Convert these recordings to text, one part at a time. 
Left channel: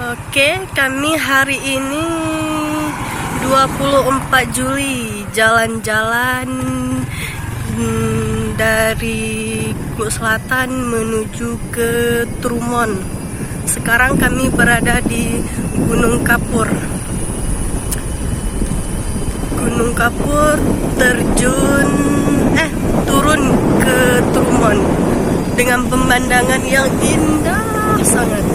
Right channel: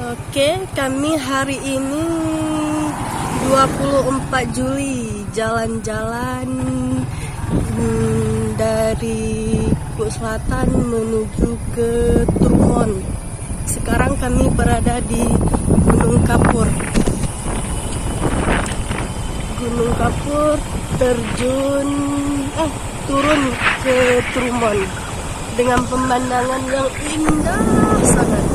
Oke, kami hari ini 24 Juli jalan-jalan dari Kluk Selatan menuju ke Trumon. Sekarang kami berada di Gunung Kapur. Gunung Kapur turun ke Trumon dengan pemandangan yang indah sangat.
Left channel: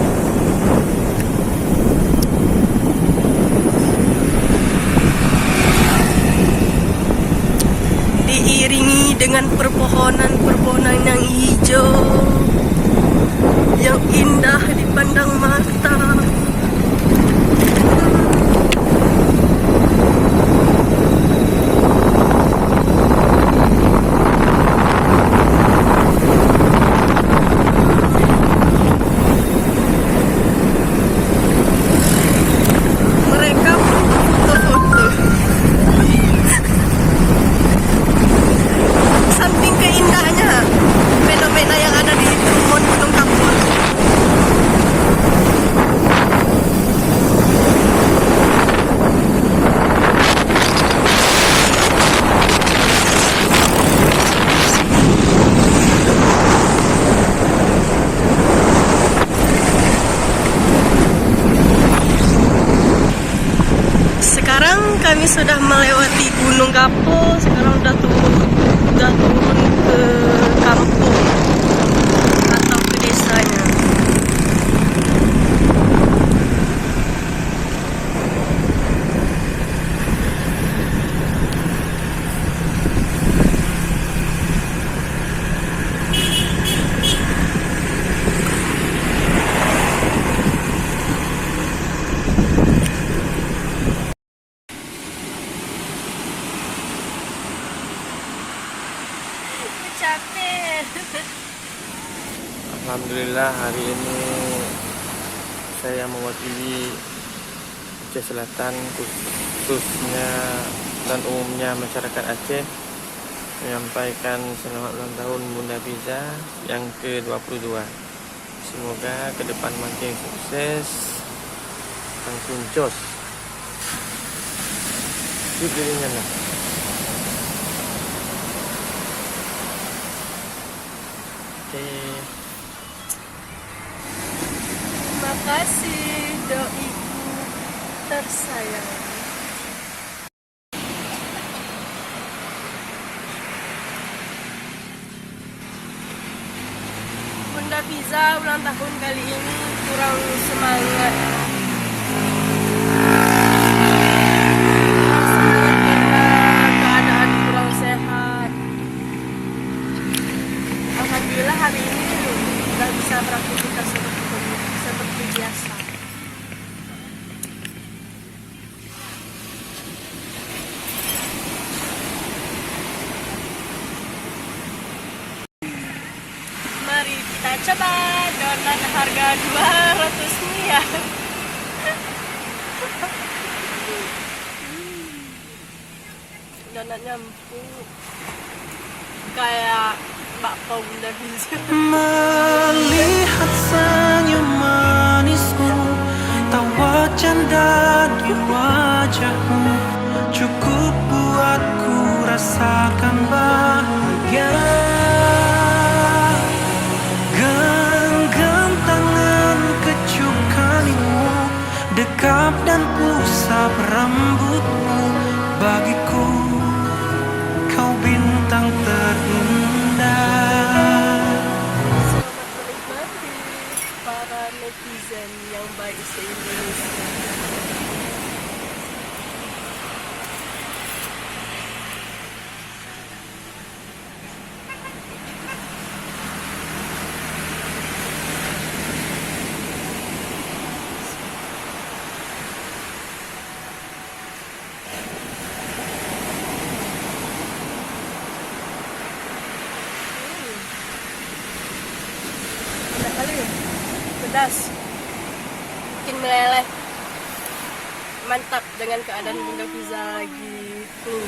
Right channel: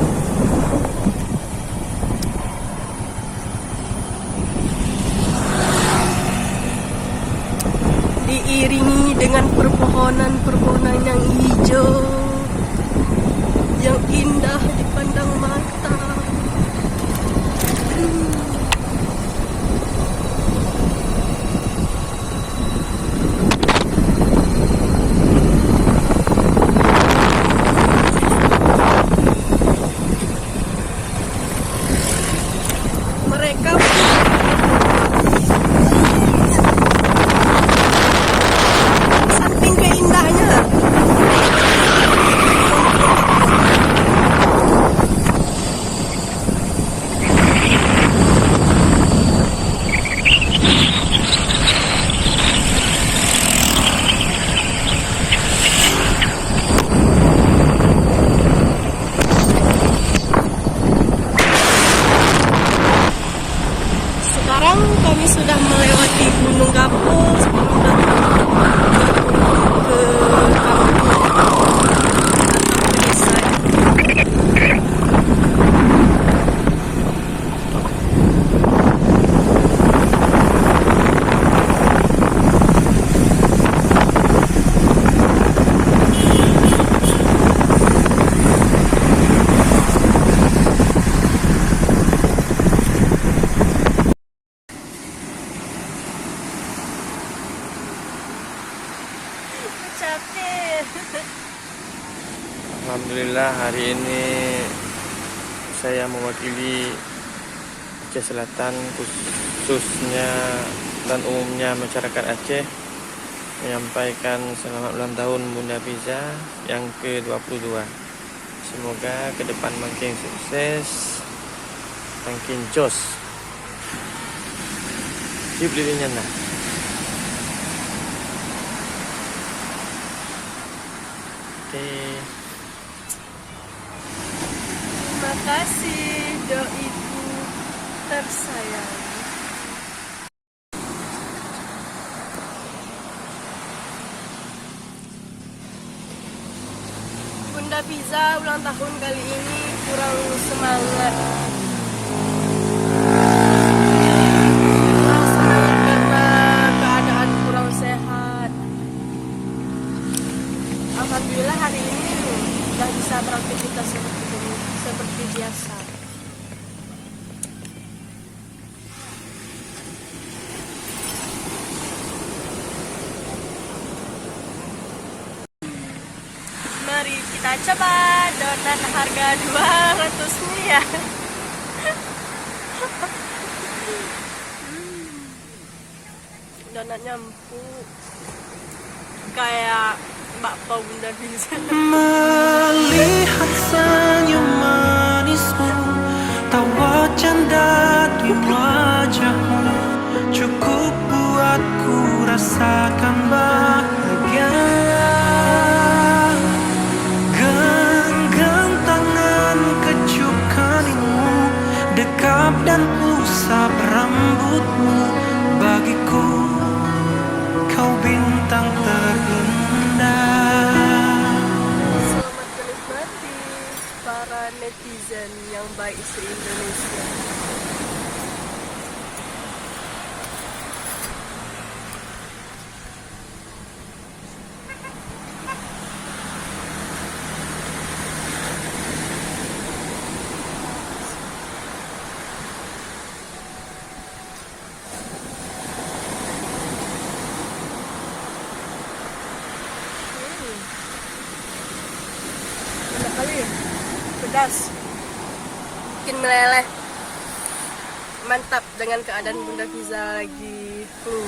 Diiringi dengan perpohonan yang hijau yang indah dipandang mata. Mereka foto-foto. Samping keindahnya fenomena yang ada di Gunung Kapur. Sekarang kami sudah melewati Gunung Kapur. Sekarang sudah turun ke kampung atau ke desanya. Alhamdulillah hari ini saya mewakili Aceh Selatan, khususnya dan umumnya masyarakat Aceh, menyampaikan selamat ulang tahun Bunda Fiza yang ke-22. Semoga ke depan makin sukses, makin jos. Sip dirinya lah. Oke. Terima kasih doiku tersayang. Bunda Fiza ulang tahun kali ini kurang semangat. Kurang semangat karena keadaan kurang sehat. Alhamdulillah hari ini sudah bisa beraktivitas seperti biasa. Mari kita coba donat harga 200 rupiah. Donatnya empuk kayak bakpao Bunda Fiza. Melihat senyum manismu, tawa canda di wajahmu, cukup buatku rasakan bahagia. Genggam tangan, kecup kanimu, dekap dan usap rambutmu. Bagiku kau bintang terindah. Selamat menikmati para netizen yang baik se-Indonesia. Enak kali ya, pedas, bikin meleleh. Mantap dengan keadaan Bunda Fiza lagi flu.